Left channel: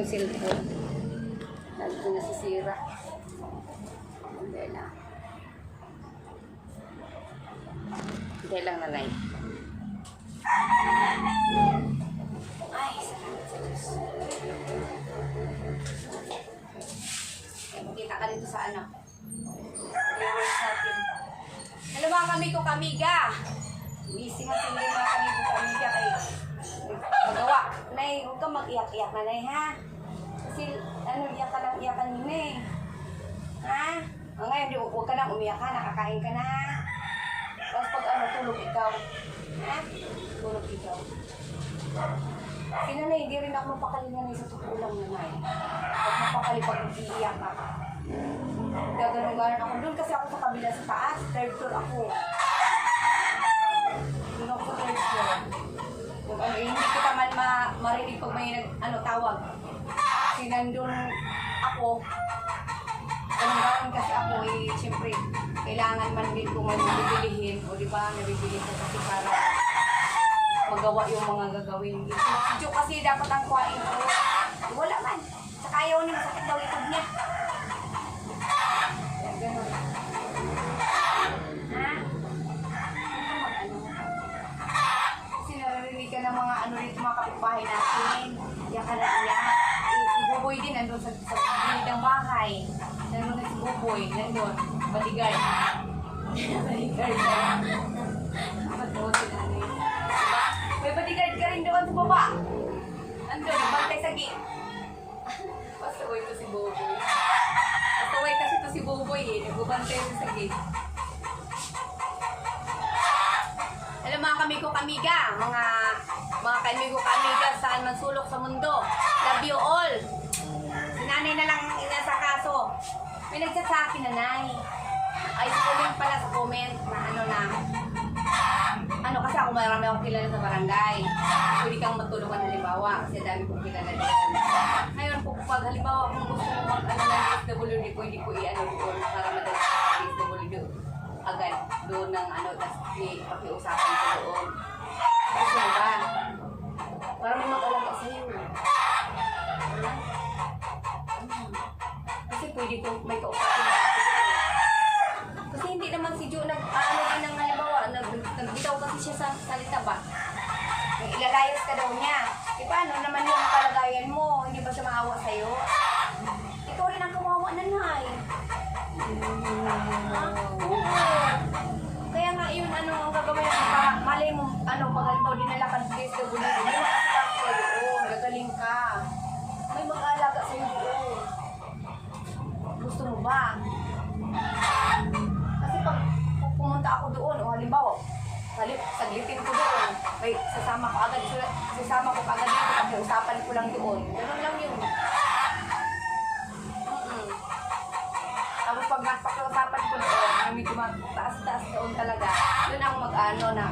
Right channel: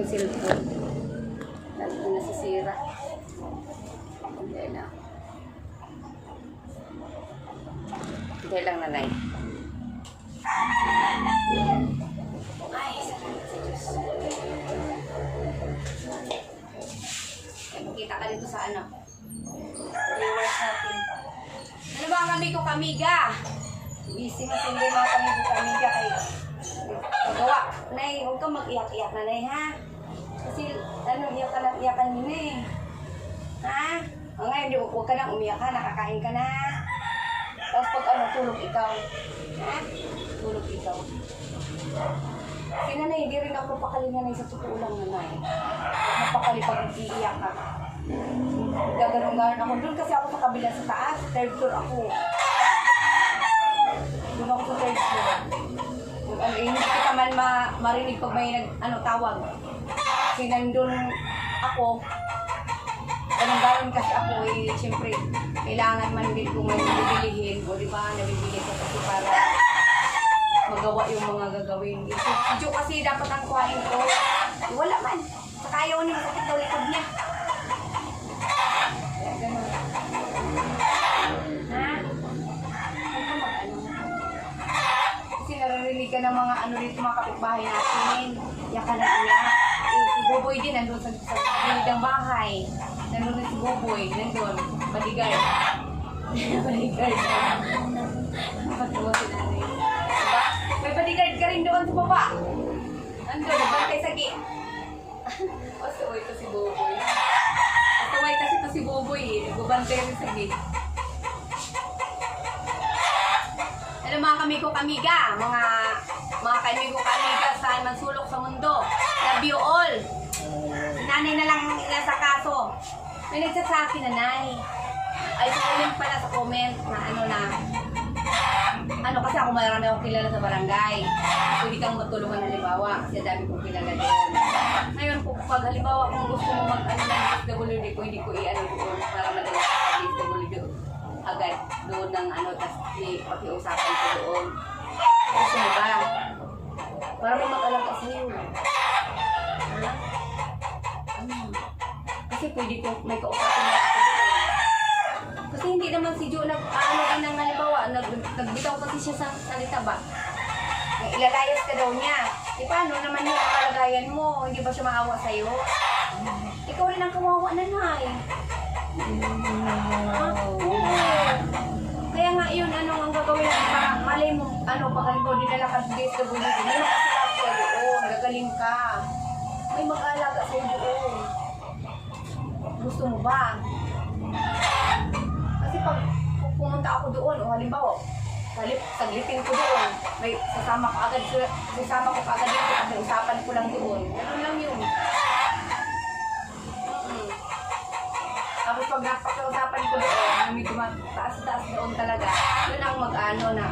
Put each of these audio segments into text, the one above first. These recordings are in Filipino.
yung cellphone. Lalo na nasisira. Hindi na. Hindi lang nanay. Ay, salamat sa ka dito sa ano. Viewers natin. Ano ba ang kami ko kamiga? Busy na sila mga kami ko kamiga kay magawa. Nay, huwag kang mag-iyak-iyak na, Nay, ha? Ano, iyak ka lang, iyakan nila eh. Ha? O ngayon, di- huwag ka nang umiyak ha, nakakain ka na. Tapos pag ano, tulog ikaw. Ha? Tulog ikaw. Si nanay, hindi rin ako mapakali nanay sa totoo lang nanay. Huwag mapakali pag iiyak ka. Gaganon-ganon ako. Doon kasi ako sa kabila sa taas. Third floor ako. Doon ako sa third floor. Yung ano, hindi kita man ma marinig pag may nag, ano, tawag. Kasi nandun ako. Ganun-ganon kasi ako eh, siyempre, kailangan man din kung may bibilihin o di ba, nabibili ko kasi para magawa yung mga gagawin. Si Jo kasi dapat ang kuhain ko. Eh, wala man. Saka ayaw niya, masakit daw likod niya. Kaya ganun. Ha? Kasi naririnig ka ng mga ano dito, mga kapitbahay natin. Iyak ka na iyak. Boboy din, nandun sa, sa gilid ng bahay. Nandun na si Boboy, nandun. Baligay. Baligay. Pagtawa si nanay. Diba? May bodyguard ka rin doon sa baba. Nandun, nagbantay sa gate. Pasaway to si Boboy. Pasaway kasi to si Boboy eh. Nagbabantay rin sa gate. Hello mga kamigo kamiga, mga mga kamigo kamiga saan man sulok sa mundo. Love you all. Nanay na lang nasa kaso. May nagchat sa akin nanay. Ay, sa yun pala sa comment na ano na ano kasi ako marami akong kilala sa barangay. Pwede kang matulungan halimbawa kasi dami kong kilala doon. Ngayon po pag halimbawa kung gusto mo mag ano ng DSWD, pwede ko i-ano doon para madala ka sa DSWD agad doon ng ano, tapos pakiusapan ko doon. Gusto mo ba? Para mo mag-alaga sa'yo. Ha? Ano? Kasi pwede ko, may kausapin na ako. Kasi hindi naman si Joe nag, ano din ng halimbawa, nag, nagbitaw kasi siya sa salita ba? Eh, Ilalayas ka daw niya. E paano naman yung kalagayan mo? Hindi ba siya maawa sa'yo? Ikaw rin ang kawawa na nay. Ha? Oo. Kaya nga yun, ano ang gagawin natin para malay mo, ano, pag halimbawa dinala ka sa DSWD, may makasipas ka doon, gagaling ka. May mag-aalaga sa'yo doon. Gusto mo ba? Kasi pag pumunta ako doon, o halimbawa, salip, saglitin ko doon, may sasama ko agad, sasama ko agad dito, kasi usapan ko lang doon. Ganun lang yun. Tapos pag napag-usapan ko doon, na medyo taas-taas doon talaga, yun ang mag-ano na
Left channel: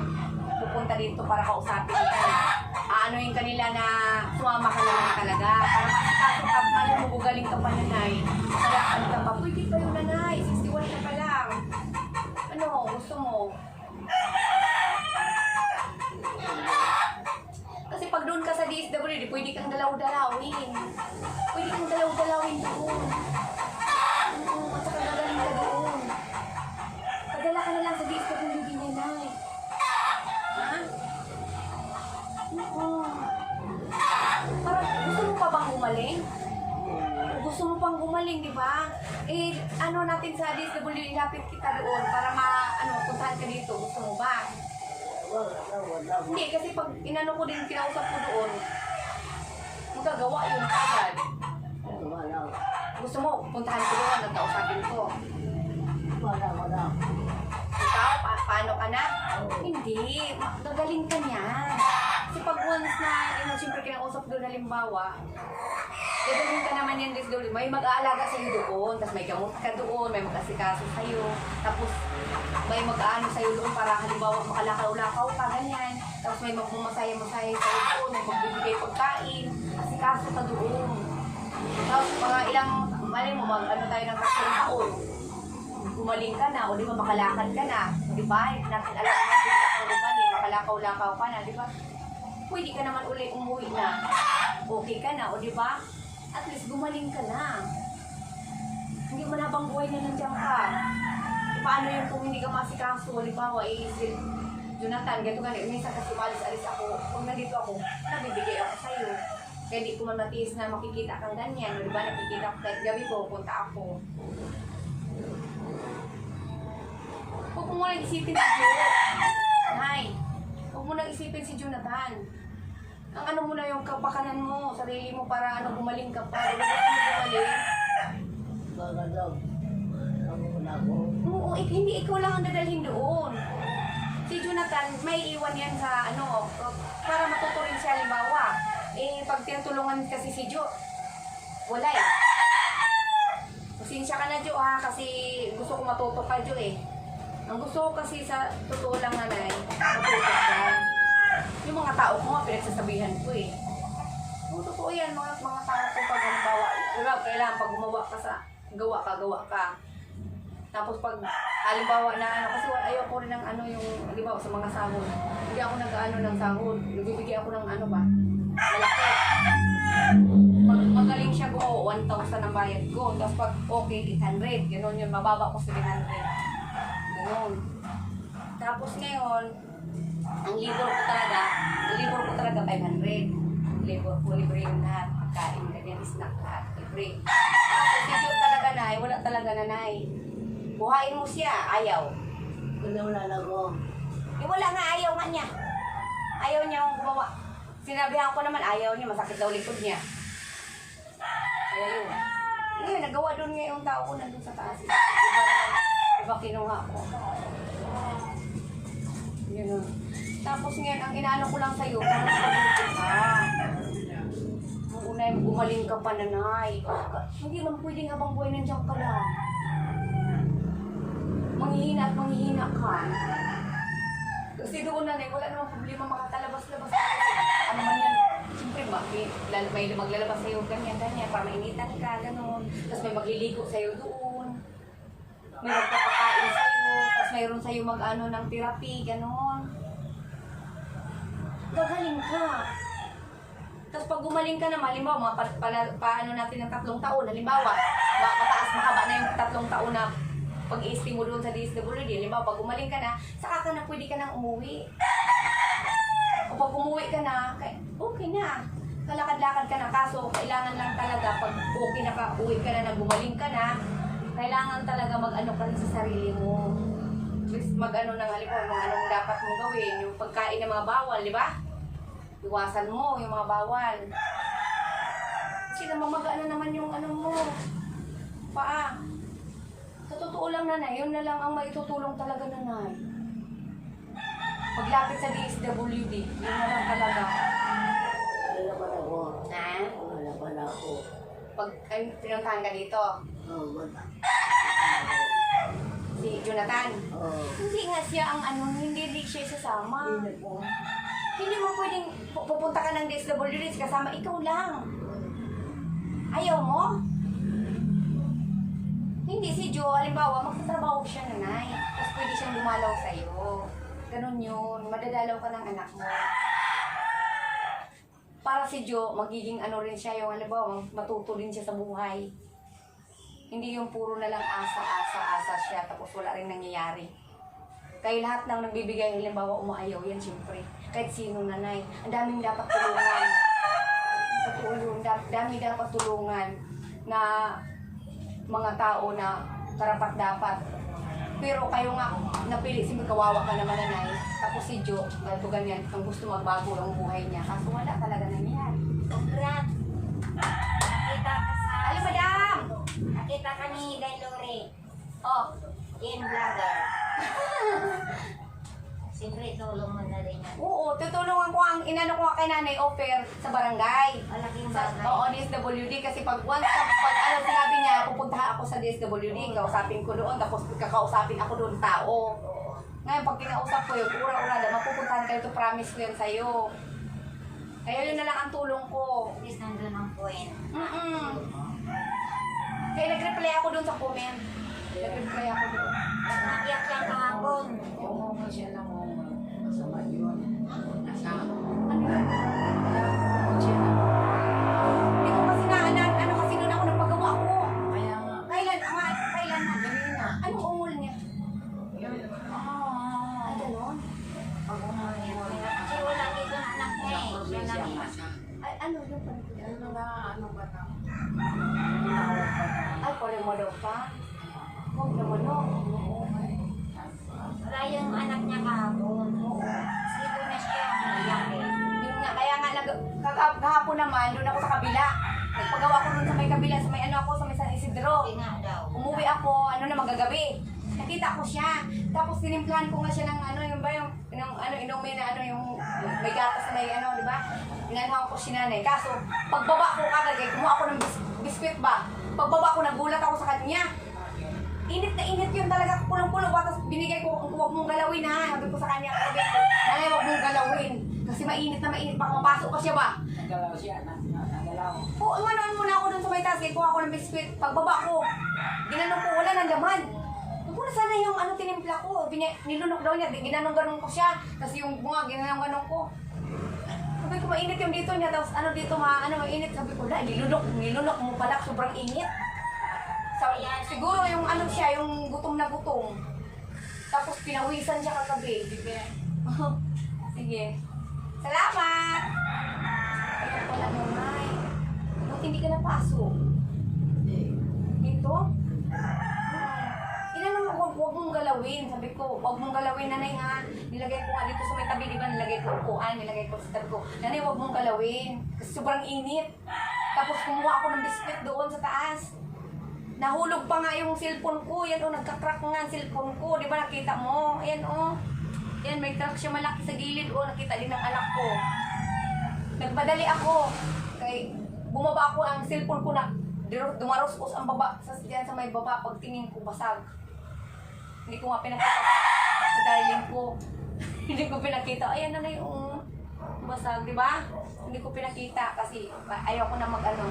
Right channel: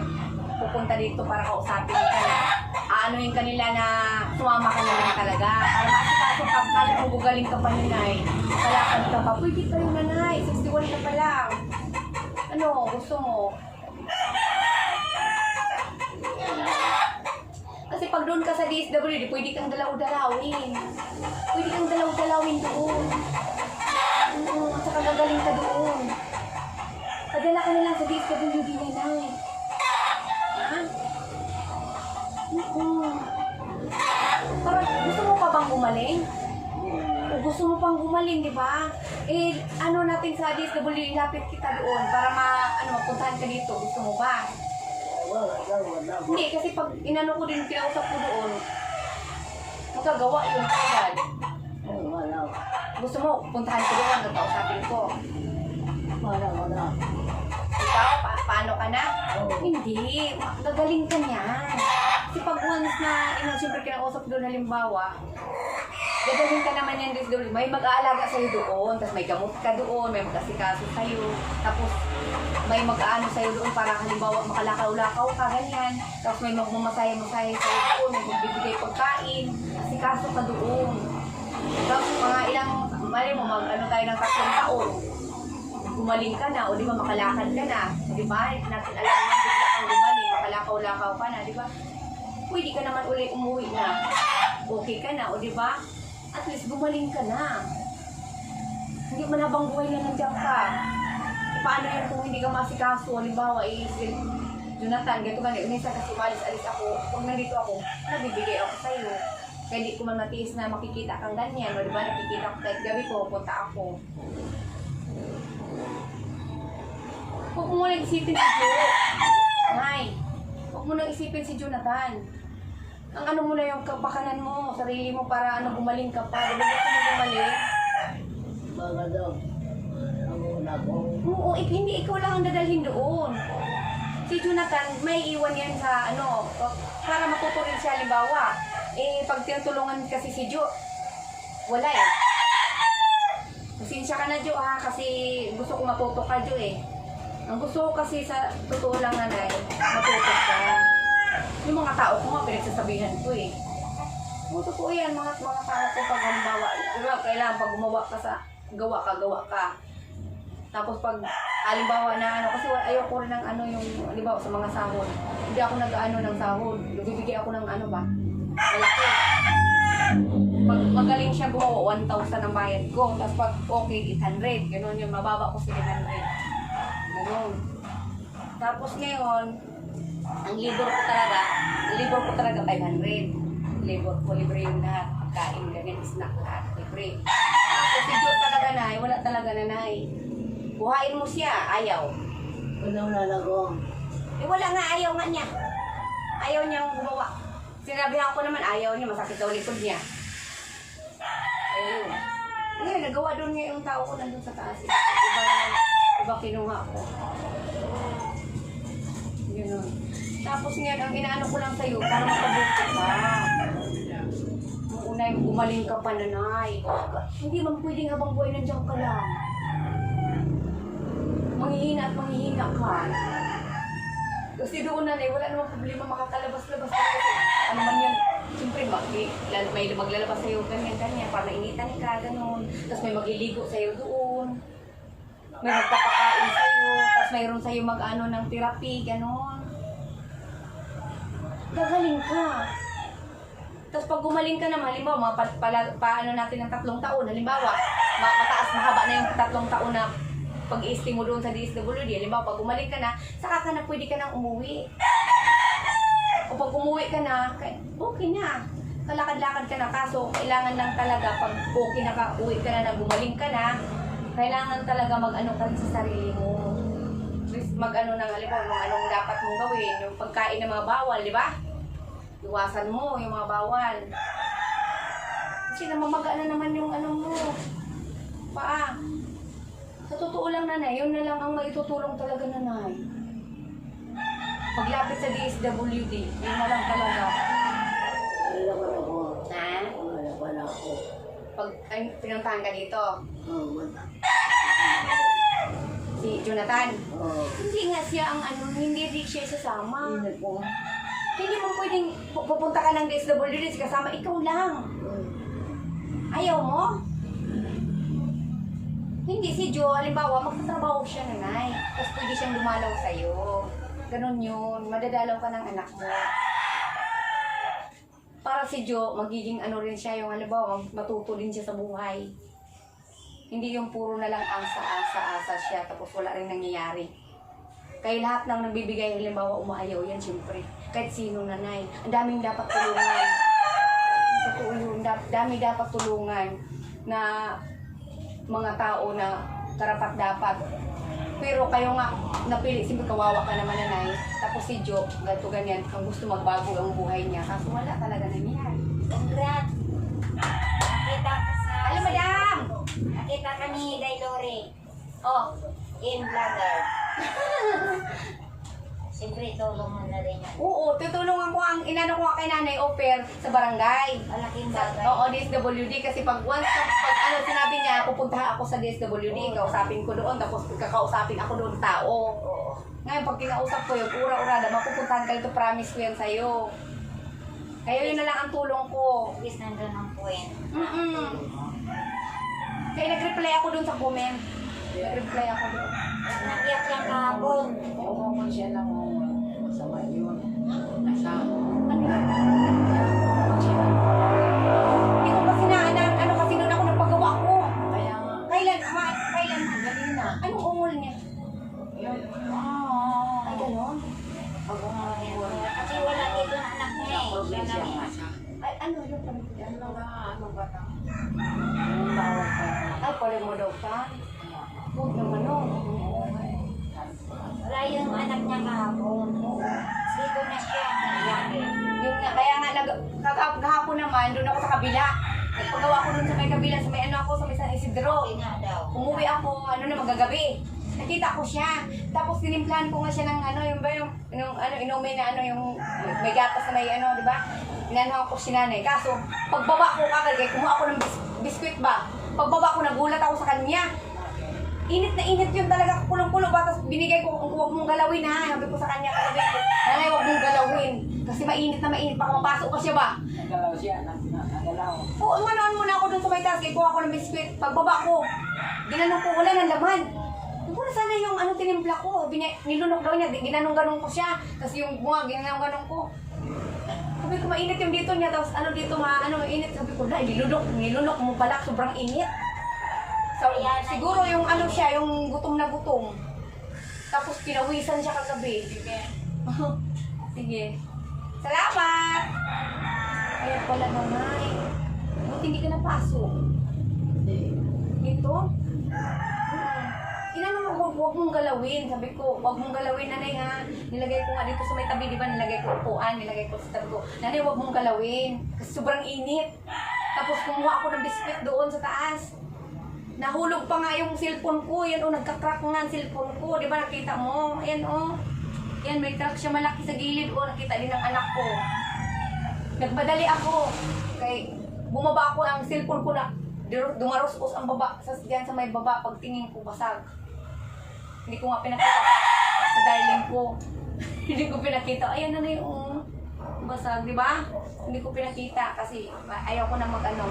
pupunta dito para kausapin ka na aanoin kanila na sumama ka na lang talaga. Para makasikaso ka, mali mo gugaling ka pa nanay kalakad ka pa, pwede kayo nanay. 61 ka pa lang. Ano, gusto mo? Kasi pag doon ka sa DSWD, pwede kang dalaw-dalawin. Pwede kang dalaw-dalawin doon. Oo, at saka gagaling ka doon. Padala ka na lang sa DSWD niya, Nay. Ha? Oo. Parang gusto mo pa bang gumaling? Gusto mo pang gumaling, di ba? Eh, ano natin sa DSWD, lapit kita doon para ma, ano, puntahan ka dito. Gusto mo ba? Hindi, kasi pag inano ko din, kinausap ko doon, magagawa yun agad. Gusto mo, puntahan ko doon, nagkausapin ko. Ikaw, pa paano ka na? Hindi, ma- gagaling ka niyan. Kasi pag once na, you know, siyempre kinausap doon halimbawa, gagaling ka naman yan doon. May mag-aalaga sa'yo doon, tapos may gamot ka doon, may mag-asikaso sa'yo, tapos may mag-aano sa'yo doon para halimbawa makalakaw-lakaw ka, ganyan. Tapos may magmamasaya-masaya sa'yo doon, may magbibigay pagkain, asikaso ka doon. Tapos mga ilang, mali mo, mag ano tayo ng tatlong taon. Gumaling ka na, o di ba makalakad ka na. Di ba? Natin alam na bigla kang gumaling, makalakaw-lakaw ka na, di ba? Pwede ka naman uli umuwi na. Okay ka na, o di ba? At least gumaling ka na. Hindi man habang buhay na nandiyan ka. Paano yung kung hindi ka masikaso, halimbawa, eh, Jonathan, ganito ganito, minsan kasi malis-alis ako, pag nandito ako, nabibigay ako sa'yo. Kaya di ko man matiis na makikita kang ganyan, o di ba, nakikita ko kahit gabi ko, punta ako. Huwag mo nang isipin si Jo. Nay, huwag mo nang isipin si Jonathan. Ang ano mo na yung kapakanan mo, sarili mo para ano, gumaling ka pa. Gusto mo gumaling? Mga daw. Oo, ik- hindi ikaw lang ang dadalhin doon. Si Jonathan, may iwan yan sa ano, para matuto rin siya, halimbawa. Eh, pag tinutulungan kasi si Jo, wala eh. Pasensya ka na Jo ha, kasi gusto ko matuto ka Jo eh. Ang gusto ko kasi sa totoo lang nanay, matuto ka. Yung mga tao ko nga, pinagsasabihan ko eh. Oo, totoo yan, mga, mga tao ko pag diba, kailangan pag gumawa ka sa, gawa ka, gawa ka. Tapos pag, halimbawa na ano, kasi ayoko rin ng ano yung, halimbawa sa mga sahod. Hindi ako nag-ano ng sahod. Nagbibigay ako ng ano ba, malaki. Pag magaling siya gumawa, 1,000 ang bayad ko. Tapos pag okay, 800. Ganon yun, mababa ko sa 800. Ganon. Tapos ngayon, ang libor ko talaga, ang libor ko talaga 500. Libor ko, libre yung lahat. Pagkain, ganyan, snack lahat, libre. Tapos si Jo talaga na, wala talaga nanay. Buhayin mo siya, ayaw. Wala wala na ako. Eh wala nga, ayaw nga niya. Ayaw niya akong gumawa. Sinabihan ko naman, ayaw niya, masakit daw likod niya. Ayaw yun. Ngayon, nagawa doon nga yung tao ko nandun sa taas. Iba iba kinuha ko. Yun. Tapos ngayon, ang inaano ko lang sa'yo, para makabuti ka. Nung una, gumaling ka pa, nanay. Hindi man pwedeng habang buhay nandiyan ka lang. Manghihina at manghihina ka. Kasi doon na wala namang problema makakalabas-labas ka ano man yan. Siyempre, ma- may, may maglalabas sa'yo ganyan, ganyan, para mainitan ka, ganun. Tapos may magliligo sa'yo doon. May magpapakain sa'yo. Tapos mayroon sa'yo mag-ano ng therapy, ganun. Gagaling ka. Tapos pag gumaling ka naman, halimbawa, mga pa, pala, paano natin ng tatlong taon, halimbawa, ma- mataas, mahaba na yung tatlong taon na pag i mo doon sa DSWD, halimbawa, pag gumaling ka na, saka ka na pwede ka nang umuwi. O pag umuwi ka na, kay- okay na. Kalakad-lakad ka na, kaso kailangan lang talaga, pag okay na ka, uwi ka na, na gumaling ka na, kailangan talaga mag-ano ka sa sarili mo. Mag-ano ng halimbawa, mga anong dapat mong gawin, yung pagkain ng mga bawal, di ba? Iwasan mo yung mga bawal. Kasi namamaga na naman yung ano mo. Paa. Sa totoo lang nanay, yun na lang ang maitutulong talaga nanay. Paglapit sa DSWD, yun na lang talaga. Wala pa na ako. Ha? Wala pa na ako. Pag ay, pinuntahan ka dito, Oo, wala. si Jonathan. Oo. Hindi nga siya ang ano, hindi rin siya sasama. Hindi po. Hindi mo pwedeng pu- pupunta ka ng DSWD kasama ikaw lang. Ayaw mo? Hindi si Jo, halimbawa, magtatrabaho siya nanay. Tapos pwede siyang dumalaw sa'yo. Ganon yun. Madadalaw ka ng anak mo. Para si Jo, magiging ano rin siya yung halimbawa, matuto din siya sa buhay. Hindi yung puro na lang asa, asa, asa siya tapos wala rin nangyayari. Kaya lahat ng nagbibigay, halimbawa, umaayaw yan, siyempre. Kahit sino nanay. Ang daming dapat tulungan. Totoo yun. Da- dami dapat tulungan na mga tao na karapat dapat. Pero kayo nga, napili, siyempre kawawa ka naman nanay. Tapos si Jo, ganito ganyan, ang gusto magbago ang buhay niya. Kaso wala talaga nangyari. Congrats! Nakita ka sa... Alam, madam! Nakita ka ni Dailore Oh, in vlogger. Siyempre, tulong mo na rin yan. oo, tutulungan ko ang inano ko kay nanay offer sa barangay. Malaking bagay. oo, DSWD kasi pag once na, pag ano sinabi niya, pupunta ako sa DSWD, kausapin ko doon, tapos kakausapin ako doon tao. Oo. Ngayon, pag kinausap ko yung ura-urada, mapupuntahan ka dito, promise ko yan sa'yo. Kaya yun na lang ang tulong ko. At least nandun ang point. Mm-mm. Kaya nag-reply ako dun sa comment. Nag-reply ako dun. Nakiyak lang kahapon. Oo siya lang nga, ano ba na? Niya. Ay, pala mo daw ka? Huwag naman eh. Wala yung anak niya kahapon. Dito na siya. Yun nga, kaya nga, nag, kahapon naman, doon ako sa kabila. Nagpagawa ko doon sa may kabila, sa may ano ako, sa may San Isidro. Na. Umuwi ako, ano na magagabi. Nakita ko siya. Tapos tinimplahan ko nga siya ng ano, yung ba yung, yung ano, inumin na ano, yung may gatas na may ano, di ba? Inanuhan ko si nanay. Kaso, pagbaba ko kagad, eh, kumuha ako ng bis- biskwit ba? Pagbaba ko, nagulat ako sa kanya. Init na init yun talaga, kulong-kulo ba? Tapos binigay ko, huwag mong galawin ha. Sabi ko sa kanya kagabi, nanay, huwag mong galawin. Kasi mainit na mainit, baka mapasok pa siya ba? Nagalaw siya, nag- nag- nagalaw. Oo, umanoan muna ako dun sa may taas. Kaya kuha ko ng biskwit. Pagbaba ko, ginanong ko, wala ng laman. Sabi ko na sana yung ano tinimpla ko. Binya, nilunok daw niya. Ginanong-ganong ko siya. Tapos yung bunga, ginanong-ganong ko. Sabi ko, mainit yung dito niya. Tapos ano dito, ma, ano, mainit. Sabi ko, dahil nilunok, nilunok mo pala. Sobrang init. So, siguro yung ano siya, yung gutom na gutom. Tapos pinawisan siya kagabi. Sige. Salamat! Kaya pala gamay. Buti hindi ka napasok. Dito? Mo, huwag, mong galawin. Sabi ko, huwag mong galawin, nanay ha. Nilagay ko nga dito sa may tabi, di ba? Nilagay ko upuan, nilagay ko sa tabi ko. Nanay, huwag mong galawin. Kasi sobrang init. Tapos kumuha ako ng biscuit doon sa taas. Nahulog pa nga yung cellphone ko. Yan o, nagka-crack nga ang cellphone ko. Di ba nakita mo? Ayan o. Ayan, may crack siya malaki sa gilid. O, nakita din ng anak ko. Nagmadali ako. Kay, bumaba ako ang cellphone ko na dumaros-os ang baba. Sa, diyan sa may baba, pagtingin ko, basag. Hindi ko nga pinakita sa, darling ko. Hindi ko pinakita. Ayan na na yung basag, di ba? Hindi ko pinakita kasi ayaw ko na mag ano,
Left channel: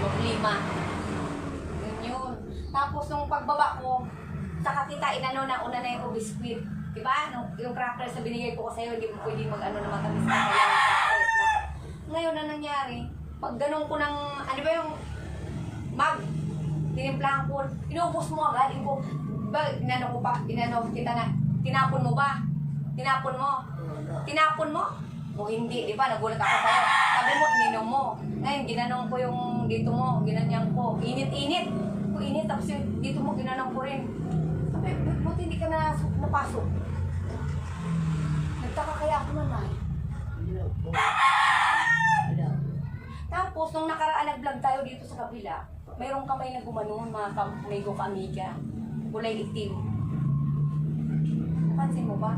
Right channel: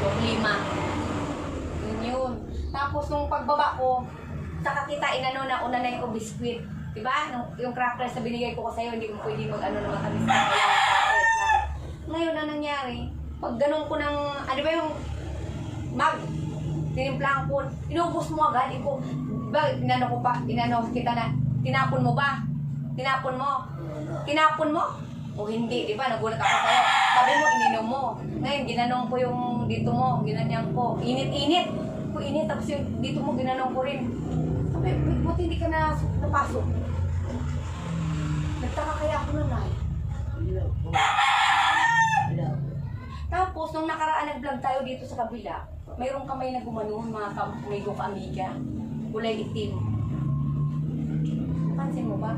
problema. Yun yun. Tapos nung pagbaba ko, saka kita inano na una na yung biscuit. Diba? Nung, yung crackers na binigay ko ko sa'yo, hindi mo pwede mag ano na matamis na lang. Ngayon na nangyari, pag ganun ko ng, ano ba yung mag, tinimplahan ko, inubos mo agad, iko, ba, inano ko pa, inano kita na, tinapon mo ba? Tinapon mo? Tinapon mo? O hindi, di ba? Nagulat ako sa'yo. Sabi mo, ininom mo. Ngayon, ginanong ko yung dito mo, ginanyang ko. Init-init. Ko init, tapos yung dito mo, ginanong ko rin. Sabi, "Ba't- buti hindi ka na napasok. Nagtaka kaya ako naman. Tapos, nung nakaraan nag-vlog tayo dito sa kabila, mayroong kamay na gumanon, mga kamigo ka-amiga. Kulay itim. Pansin mo ba?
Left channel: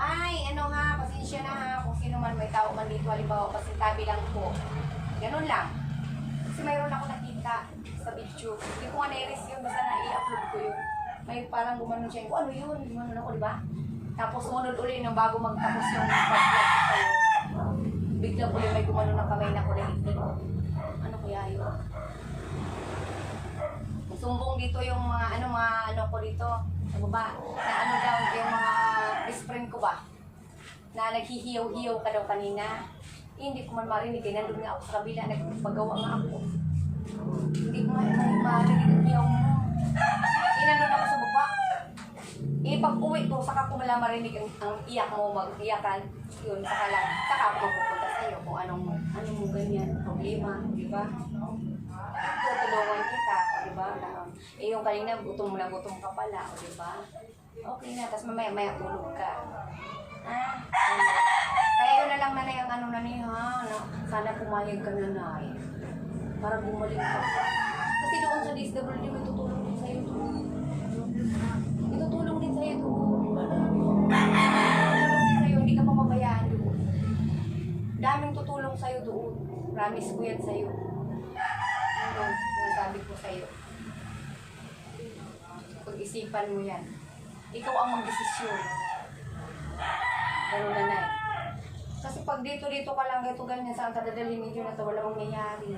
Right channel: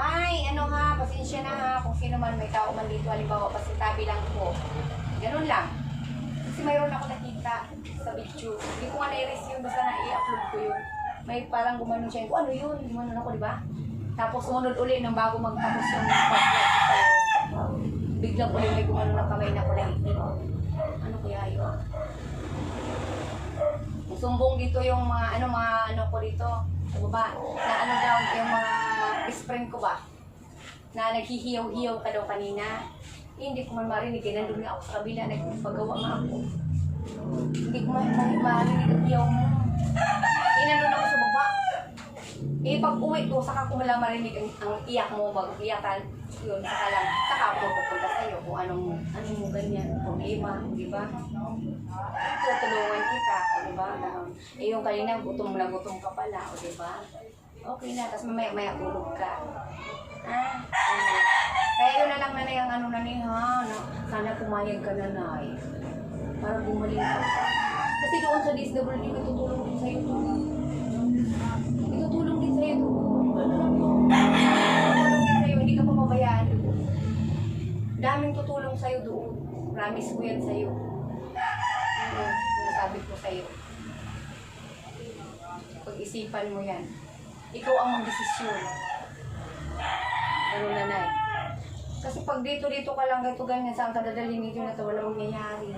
Ay, ano ha, pasensya na ha, kung sino man may tao man dito, halimbawa, pasintabi lang po. Ganun lang. Kasi mayroon ako nakita sa video. Hindi ko nga na-erase yun, basta na-i-upload ko yun. May parang gumanon siya. Ano yun? Gumanon ako, di ba? Tapos umunod uli nung bago magtapos yung pag-vlog ko sa'yo. May gumanon ng kamay na kulay itim. Ano kaya yun? Sumbong dito yung mga ano mga ano ko dito sa baba na ano daw yung mga best friend ko ba? Na naghihiyaw-hiyaw ka daw kanina. Eh, hindi ko man marinig eh, nandun nga ako sa kabila nagpagawa nga ako. Hindi ko man ma- marinig ang hiyaw mo. Eh ako sa baba. Eh pag uwi ko saka ko wala marinig ang, ang iyak mo mag-iyakan yun saka lang saka ako pupunta sa iyo kung anong anong mo ganyan problema di ba? Tutulungan kita, o di ba? Na, eh yung kanina, gutom na gutom ka pala, o di ba? Okay na, tapos mamaya maya tulog ka. Ah, ano. Kaya yun na lang na yung ano na ni ha, na, sana pumayag ka na nay. Para gumaling ka pa. Kasi doon sa DSWD, may tutulong din sa'yo to. Itutulong din sa'yo to. Tutulong din sa'yo, hindi ka papabayaan doon. Daming tutulong sa'yo doon. Promise ko yan sa'yo. Ano, sinasabi ko sa'yo. Pag-isipan mo yan. Ikaw ang magdesisyon. Ganun na na Kasi pag dito-dito ka lang, ganito ganyan, saan ka dadalhin nito na to, wala mangyayari.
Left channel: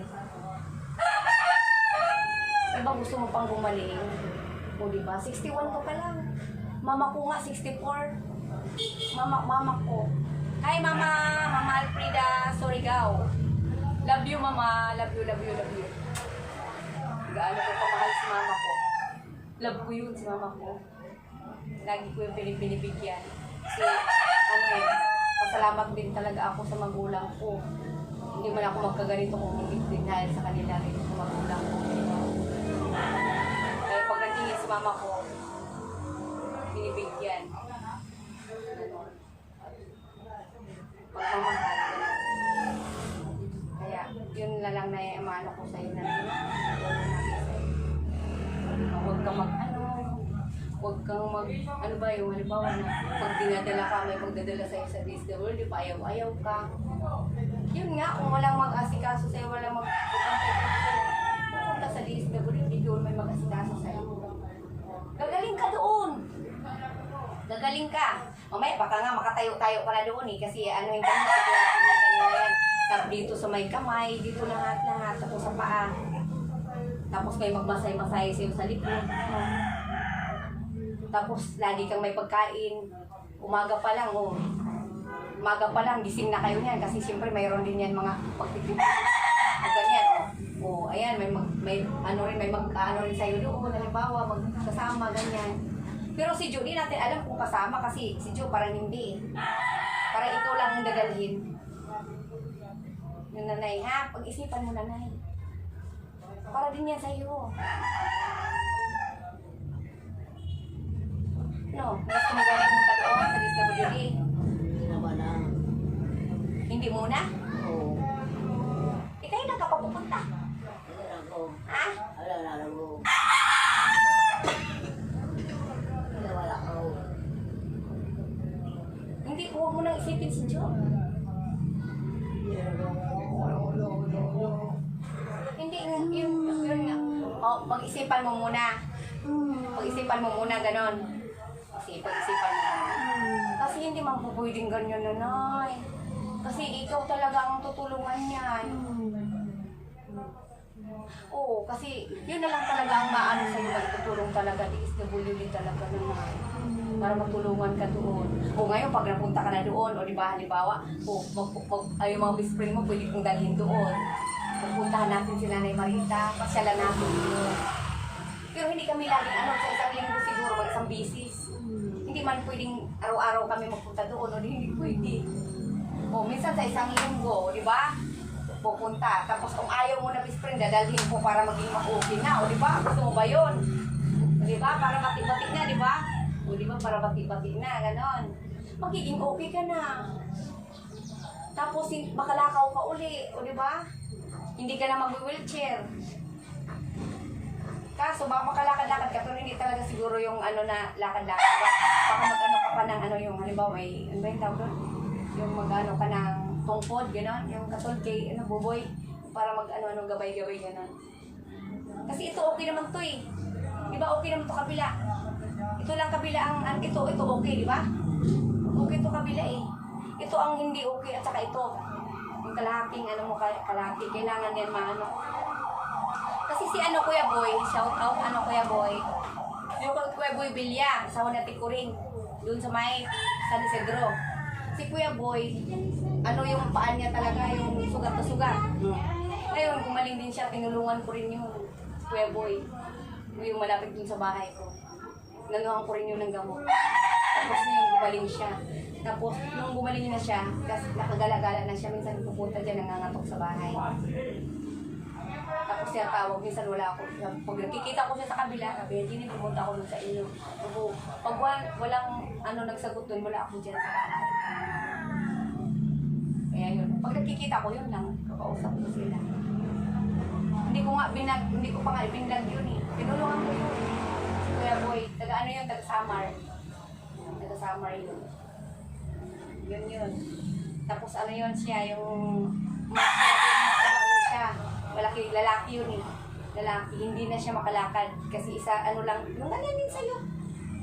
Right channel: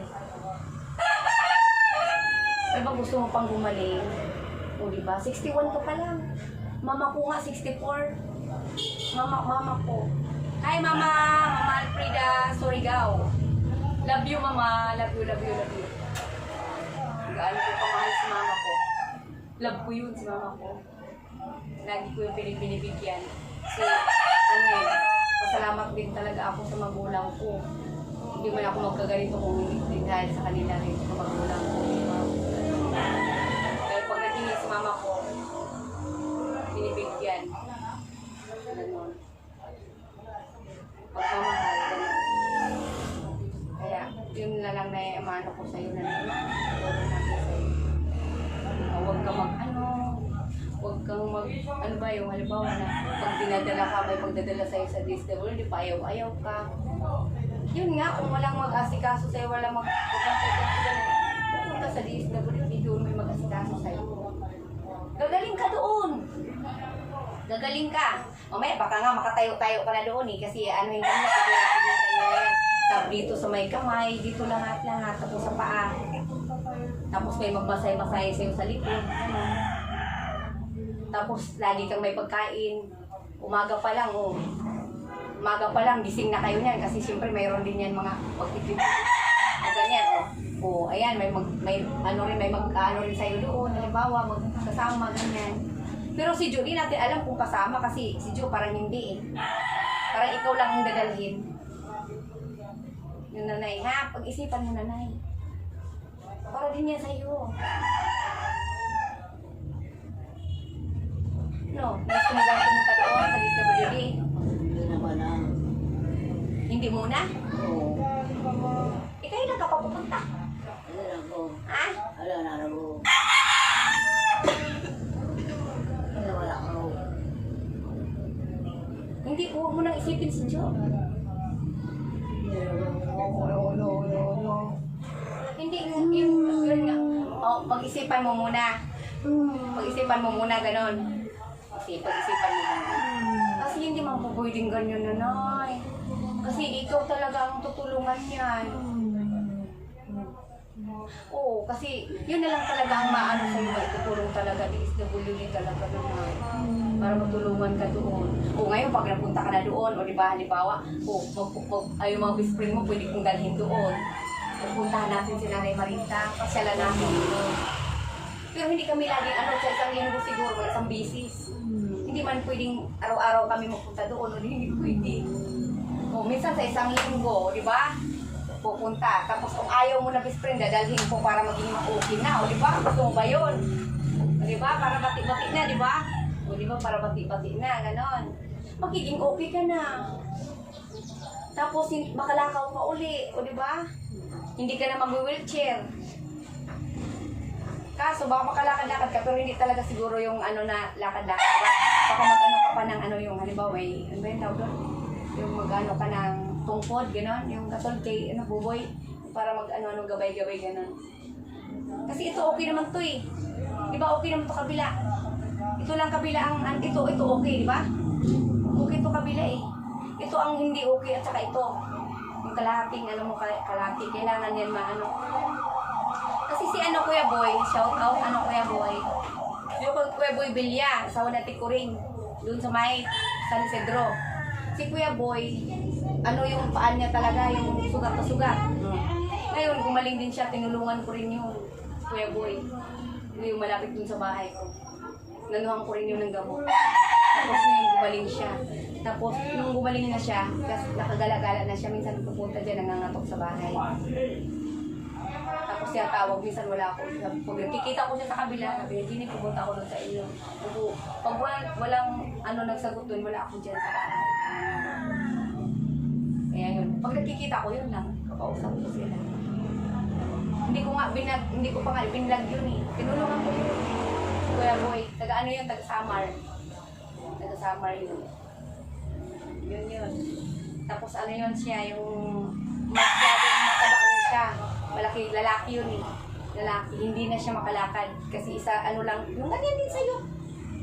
Di ba gusto mo pang gumaling? O di ba? 61 ka pa lang. Mama ko nga 64. Mama, mama ko. Hi mama, mama Alfreda Surigao. Love you mama, love you, love you, love you. Gaano ko kamahal si mama ko. Love ko yun si mama ko. Lagi ko yung pinibigyan. Kasi ano eh, pasalamat din talaga ako sa magulang ko. Hindi man ako magkaganito kung hindi dahil sa kanila rin sa magulang ko. Kaya pag nagingin si mama ko, binibigyan. Ganon. Pagmamahal, ganon. Kaya, yun na lang na imano ko sa'yo na. Huwag kang mag, ano, huwag kang mag, ano ba yung halimbawa na pag dinadala ka, may pagdadala sa'yo sa DSWD, pa ayaw-ayaw ka. Yun nga, kung walang mag-asikaso sa'yo, walang sa'yo, pupunta sa DSWD, doon may mag-asikaso sa'yo. Gagaling ka doon. Gagaling ka. Mamaya, baka nga makatayo-tayo ka na doon eh. Kasi ano yung kanya, sigurado yung kanya yan. Tapos dito sa may kamay, dito lahat-lahat, tapos sa paa. Tapos may magmasay-masay sa'yo sa likod. Tapos lagi kang may pagkain. Umaga pa lang, oh. Umaga pa lang, gising na kayo niyan. Kasi siyempre mayroon din yan mga pagtitipid. O ganyan, oh. Oh, ayan, may mag, may ano rin, may mag, ano rin sa'yo doon, halimbawa, magkasama, ganyan. Pero si Judy natin alam kung kasama kasi si Ju parang hindi eh. Parang ikaw lang ang dadalhin. Nanay, ha? Pag-isipan mo nanay. Para din yan sa'yo. No, gusto mo ba pumunta doon sa DSWD? Hindi naman na. Hindi muna? Oo. Eh, kayo lang ka pupunta. Ano na ako. Ha? Wala na ako. Wala wala ako. Hindi, huwag mo nang isipin si Jo. Hindi, yung, yung. Oh, pag-isipan mo muna. Pag-isipan mo muna, ganon. Kasi pag-isipan mo muna. Kasi hindi mapupwedeng ganyan, nanay. Kasi ikaw talaga ang tutulungan niyan. Oo, kasi yun na lang talaga ang maano sa'yo, maitutulong talaga, DSWD talaga naman. Para matulungan ka doon. O ngayon, pag napunta ka na doon, o di ba, halimbawa, o mag, mag, ay, mga best friend mo, pwede kong dalhin doon. Pupuntahan natin si Nanay Marita, pasyalan natin doon. Pero hindi kami laging ano, sa isang linggo siguro, mag isang bisis. Hindi man pwedeng araw-araw kami magpunta doon, o di, hindi pwede. O minsan sa isang linggo, di ba? Pupunta. Tapos kung ayaw mo na best friend, dadalhin ko para maging ma-okay na, o di ba? Gusto mo ba yun? O di ba? Para bati-bati na, di ba? O di ba? Para bati-bati na, ganon. Magiging okay ka na. Tapos makalakaw ka uli, o di ba? Hindi ka na mag-wheelchair. Kaso baka makalakad-lakad ka pero hindi talaga siguro yung ano na lakad-lakad ba? Baka mag-ano ka pa ng ano yung halimbawa may ano ba yung tawag doon? Yung mag-ano ka ng tungkod, gano'n? Yung katol kay ano, buboy para mag-ano-ano gabay-gabay gano'n. Kasi ito okay naman to eh. Di ba okay naman to kabila? Ito lang kabila ang, ang ito, ito okay, di ba? Okay to kabila eh. Ito ang hindi okay at saka ito. Yung kalahating ano mo, kal- kalahati, kailangan yan maano. Kasi si ano Kuya Boy, shout out ano Kuya Boy. Yung Kuya Boy Bilya, sa Wanati Kuring, doon sa may San Isidro. Si Kuya Boy, ano yung paan niya talaga, yung sugat na sugat. Ngayon, gumaling din siya, tinulungan ko rin yung Kuya Boy. Yung malapit dun sa bahay ko. Nanuhan ko rin yun ng. Tapos ngayon, gumaling siya. Tapos, nung gumaling na siya, kasi nakagala-gala na siya, minsan pupunta dyan, nangangatok sa bahay. Tapos siya tawag, minsan wala ako. Pag nakikita ko siya sa kabila, sabi niya, Gini, pupunta ako doon sa inyo. Pag, pag walang, ano nagsagot doon, wala ako dyan sa bahay. Kaya yun. Pag nakikita ko yun lang, kakausap ko sila. Hindi ko nga, binag, hindi ko pa nga binlag yun eh. Tinulungan ko yun. Kuya Boy, taga ano yun, taga Samar. Taga Samar yun. Yun yun. Tapos ano yun siya, yung masyadong mataba siya. Malaki, lalaki yun eh. Lalaki, hindi na siya makalakad. Kasi isa, ano lang, yung ganyan din sa'yo.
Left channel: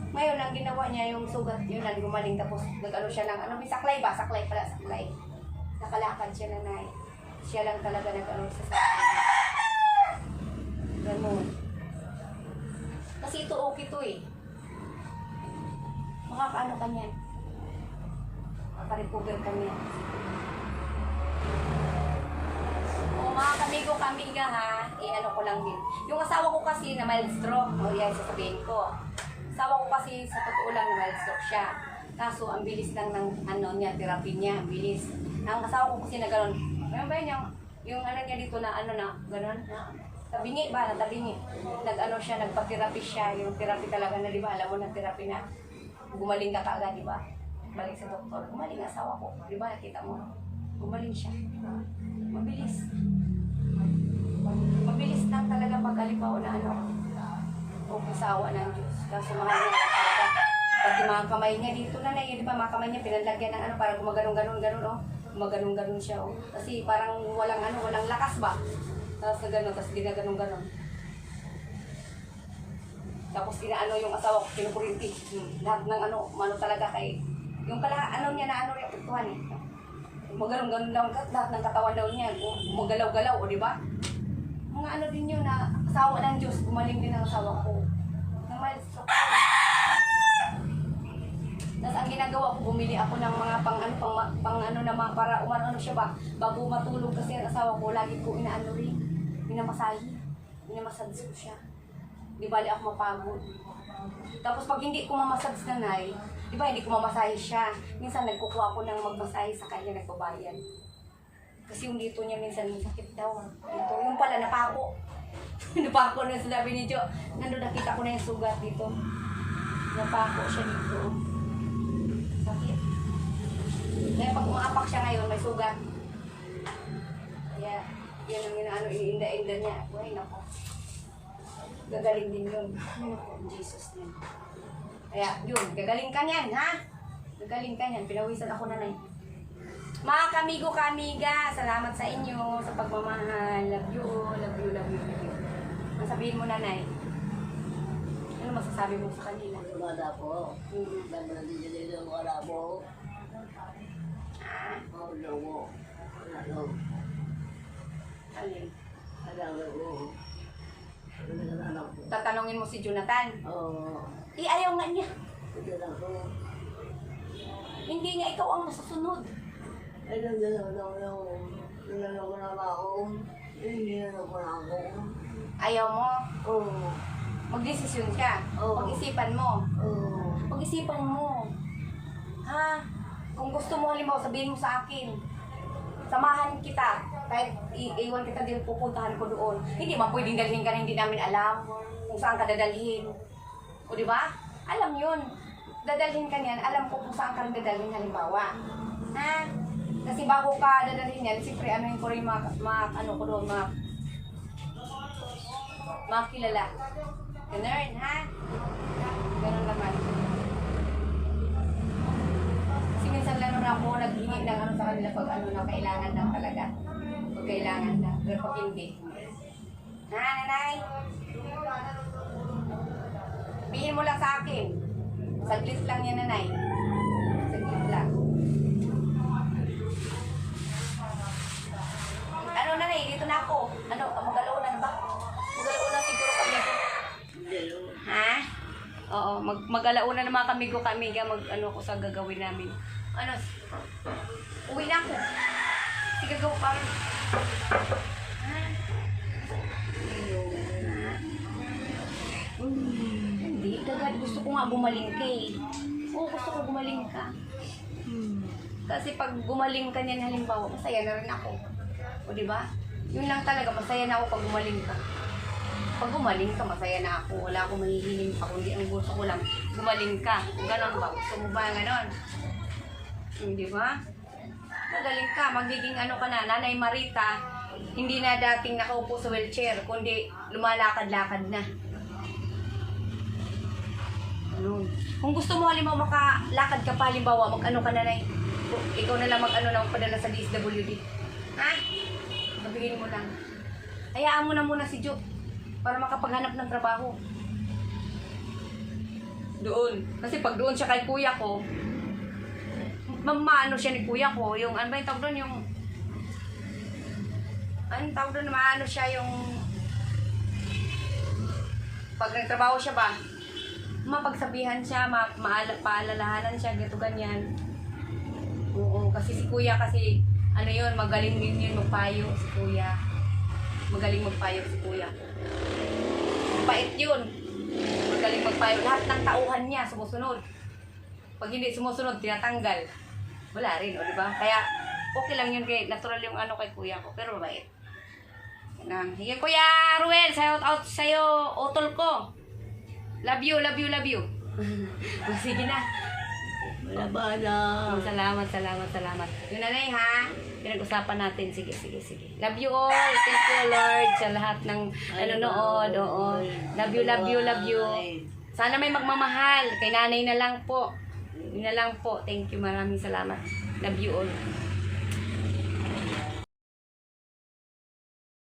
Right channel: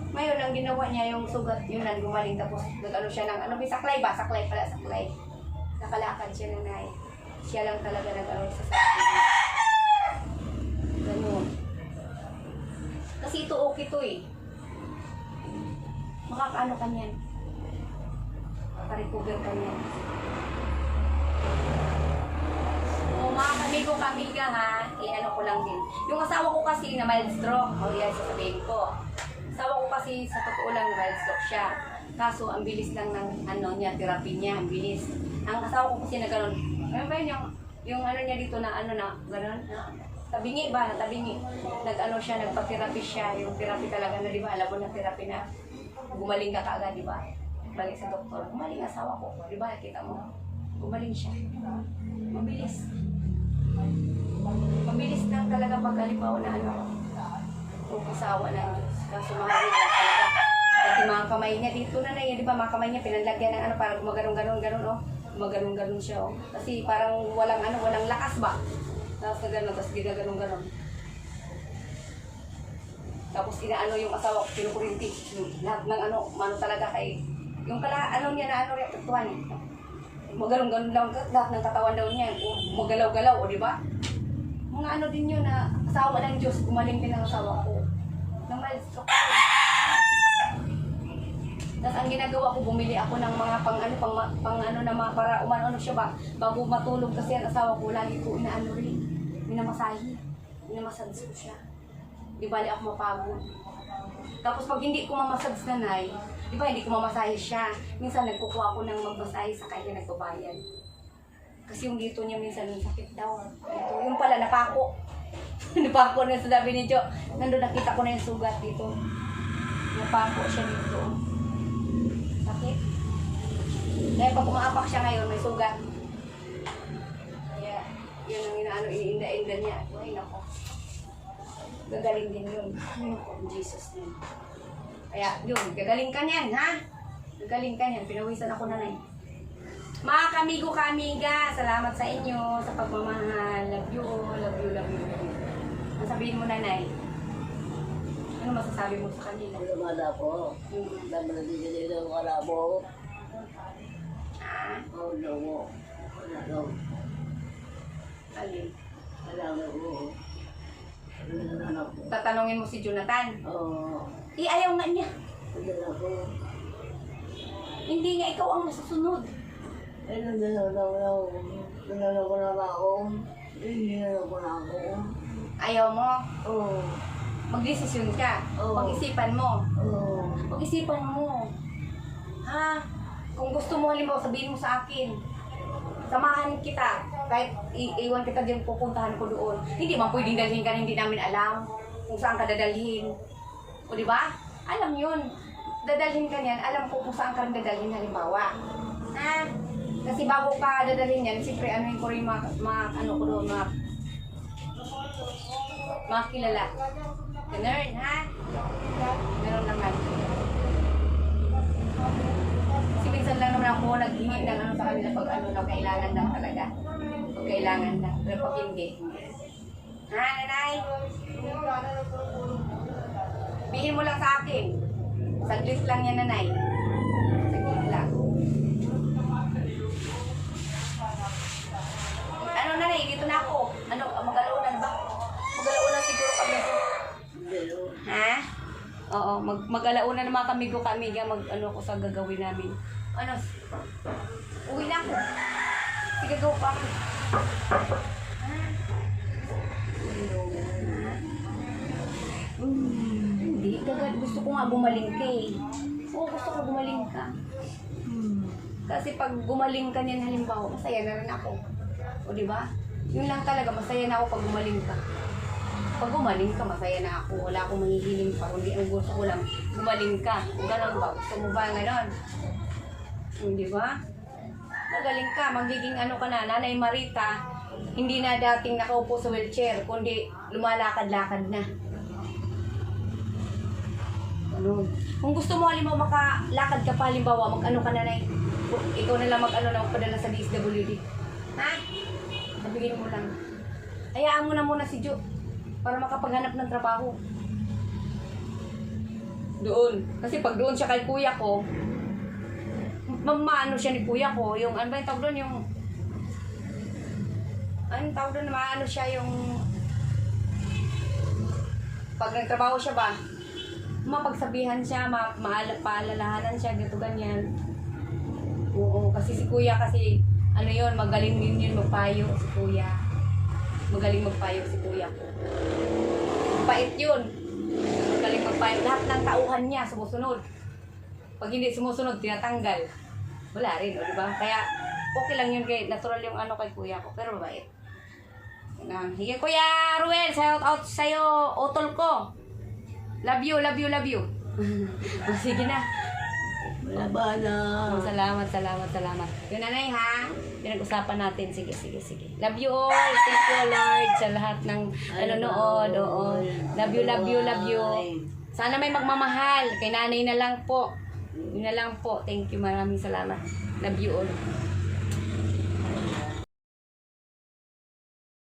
Ngayon, ang ginawa niya, yung sugat, yun lang gumaling. Tapos, nag-ano siya ng, ano, may saklay ba? Saklay pala, saklay. Nakalakad siya na Siya lang talaga nag-ano sa saklay. Ganun. Kasi ito okay to eh. Makakaano ka niyan. Makarecover ka niyan. O mga kamigo kambing ka ha, i-ano ko lang din. Yung asawa ko kasi na mild stroke, o yan sasabihin ko. Asawa ko kasi sa totoo lang mild stroke siya. Kaso ang bilis lang ng ano niya, therapy niya, ang bilis. Ang asawa ko kasi na gano'n, ano ba yun yung, yung ano niya dito na ano na, gano'n, na, tabingi ba, na tabingi. Nag-ano siya, nagpa-therapy siya, yung therapy talaga na, di ba, alam mo na therapy na, gumaling ka kaagad, di ba? Balik sa doktor, gumaling asawa ko, di ba, nakita mo, gumaling siya. Mabilis. Mabilis lang talaga pag halimbawa na ano, o kasawa ng Diyos. Kaso mahal niya talaga. Pati mga kamay niya dito na na, di ba, mga kamay niya pinanlagyan ng ano, parang gumaganon-ganon-ganon, oh. Gumaganon-ganon siya, oh. Kasi parang walang ano, walang lakas ba? Tapos na gano'n, tapos ginaganon-ganon. Tapos inaano yung asawa ko, pinukurinti. Hmm, Lahat ng ano, ano talaga kay... Yung kala, ano niya na ano yung tuktuhan eh. Magalong-galong daw, lahat ng katawan daw niya, magalaw-galaw, o di ba? Mga ano din yun na asawa ng Diyos, gumaling din ang asawa ko. Na ako. Tapos ang ginagawa ko, bumili ako ng mga pang ano, pang, pang ano na mga para umano ano siya ba, bago matulog kasi ang asawa ko, lagi ko inaano rin, minamasahe, minamasage ko siya. Di bali ako mapagod. Tapos pag hindi ko mamasage nanay, di ba hindi ko mamasahe siya. Minsan nagkukuha ako ng magmasahe sa kanya nagbabayad. Kasi yung dito niya minsan sakit daw. Dito, yung pala napako. napako na sa sabi ni Jo. Nandun nakita ko na yung sugat dito. Napako siya dito. Sakit. Dahil pag umaapak siya ngayon, may sugat. Kaya, yun ang inaano, iinda-inda niya. Ay, nako. Gagaling din yun. In Jesus name. Kaya, yun, gagaling ka niyan, ha? Gagaling ka niyan. Pinawisan ako nanay. Mga kamigo kamiga, salamat sa inyo sa pagmamahal. Love you, love you, love you. Ang sabihin mo nanay, ano masasabi mo sa kanila? Wala po. Hmm. Dami na din dito wala po. Ah, Oh, no. Alin? Ano na anak ko? Tatanungin mo si Jonathan. Oh, Eh, ayaw nga niya. Hindi nga ikaw ang masusunod. Ay, nandiyan na daw nanalo ko na ako. Hindi na ako na ako. Ayaw mo. Oh, Magdesisyon ka. Oo. Pag-isipan mo. oh. Pag-isipan mo. Ha? Kung gusto mo, halimbawa, sabihin mo sa akin. Samahan kita. Kahit i- iwan kita din, pupuntahan ko doon. Hindi man pwedeng dalhin ka na hindi namin alam kung saan ka dadalhin. O di ba? Alam yun. Dadalhin ka niyan, alam ko kung saan ka rin dadalhin halimbawa. Ha? Kasi bago ka dadalhin yan, siyempre ano yung ko rin mga, mga ano ko doon, mga mga kilala. Ganun, ha? Ganun naman. Kasi minsan lang naman ako naghingi ng ano sa kanila pag ano na kailangan lang talaga. Pag kailangan lang. Pero pag hindi. Ha, nanay? Mo lang sa akin. Saglit lang yan, nanay. Saglit lang. Ano, nanay? Dito na ako. Ano, magalaw na ba? Magalaw na siguro kami. Ha? Oo, mag mag-alauna na mga kamigo kamiga, mag ano ko sa gagawin namin. Ano? Uwi na ako. Sige, gagawa pa ako. Ko nga gumaling ka eh. Oo, gusto ko gumaling ka. Hmm. Kasi pag gumaling ka niyan halimbawa, masaya na rin ako. O di ba? Yun lang talaga, masaya na ako pag gumaling ka. Pag gumaling ka, masaya na ako. Wala akong mahihiling pa. Kundi ang gusto ko lang, gumaling ka. Ganon ba? Gusto mo ba ganon? Hindi ba? Magaling ka. Magiging ano ka na, Nanay Marita, hindi na dating nakaupo sa wheelchair, kundi lumalakad-lakad na. Ganun. Kung gusto mo, halimbawa, makalakad ka pa, halimbawa, mag-ano ka na na ikaw na lang mag-ano na magpadala sa DSWD. Ha? Sabihin mo lang. Hayaan mo na muna si Jo para makapaghanap ng trabaho. Doon. Kasi pag doon siya kay kuya ko, mamano siya ni kuya ko, yung ano ba yung tawag doon, yung anong tawag doon, maano siya yung pag nagtrabaho siya ba, mapagsabihan siya, ma maala, paalalahanan siya, ganito ganyan. Oo, kasi si kuya kasi, ano yun, magaling din yun magpayo si kuya. Magaling magpayo si kuya. Mabait yun. Magaling magpayo. Lahat ng tauhan niya sumusunod. Pag hindi sumusunod, tinatanggal. Wala rin, o, di ba? Kaya, okay lang yun kay, natural yung ano kay kuya ko, pero mabait. Yan. Sige, Kuya Ruel, shout out sa'yo, utol ko. Love you, love you, love you. O, sige na. Wala ba na? Oh, salamat, salamat, salamat. Yun nanay ha. Pinag-usapan natin. Sige, sige, sige. Love you all. Thank you, Lord, sa lahat ng nanonood. Oo. Love you, love you, love you. Sana may magmamahal. Kay nanay na lang po. Yun na lang po. Thank you. Maraming salamat. Love you all.